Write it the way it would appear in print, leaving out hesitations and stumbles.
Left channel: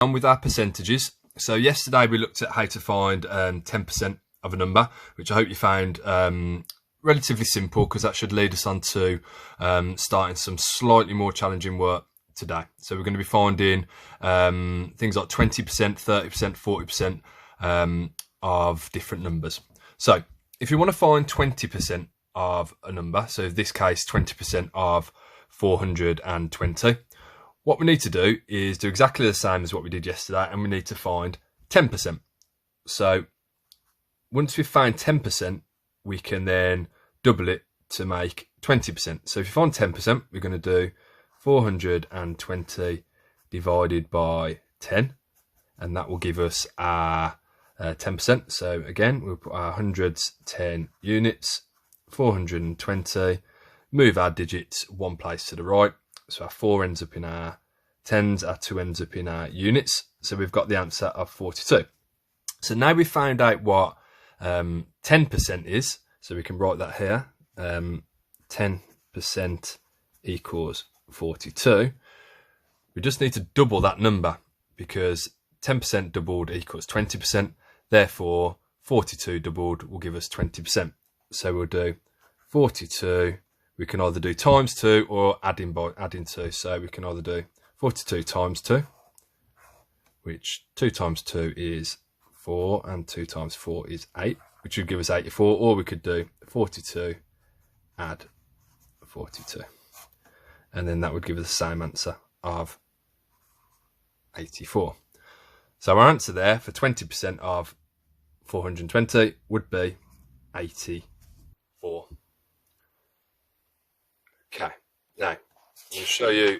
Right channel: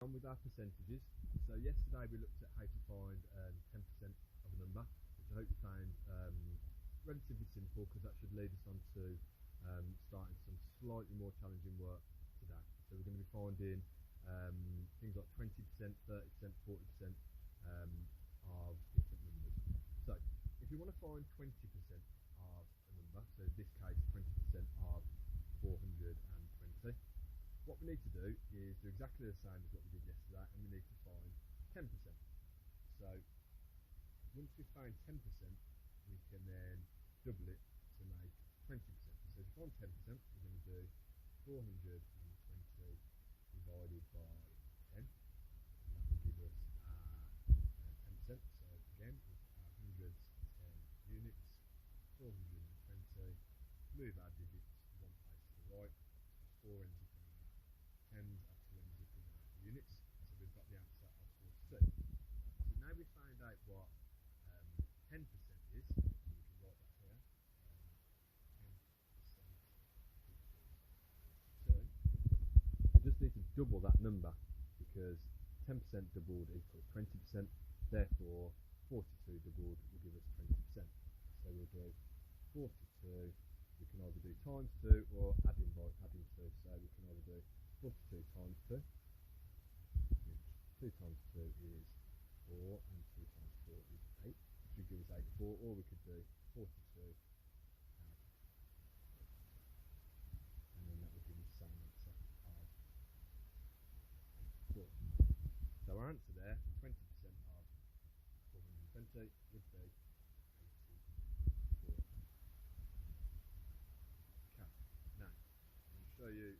On with our percentages. So yesterday we looked at how to find 10% of a number, which I hope you found relatively simple, because that should lead us on to starting some slightly more challenging work today. So we're going to be finding things like 20%, 30%, 40% of different numbers. So if you want to find 20% of a number, so in this case 20% of 420, what we need to do is do exactly the same as what we did yesterday, and we need to find 10%. So once we've found 10%, we can then double it to make 20%. So if you find 10%, we're going to do 420 divided by 10, and that will give us our 10%. So again, we'll put our hundreds 10 units, 420, move our digits one place to the right. So our 4 ends up in our tens, our 2 ends up in our units. So we've got the answer of 42. So now we've found out what 10% is. So we can write that here. 10% equals 42. We just need to double that number, because 10% doubled equals 20. Therefore, 42 doubled will give us 20%. So we'll do 42. We can either do times 2 or adding 2. So we can either do 42 times 2, which 2 times 2 is 4, and 2 times 4 is 8, which would give us 84. Or we could do 42 add 42, and then that would give us the same answer of 84. So our answer there for 20% of 420 would be 84. Okay, now I'll show you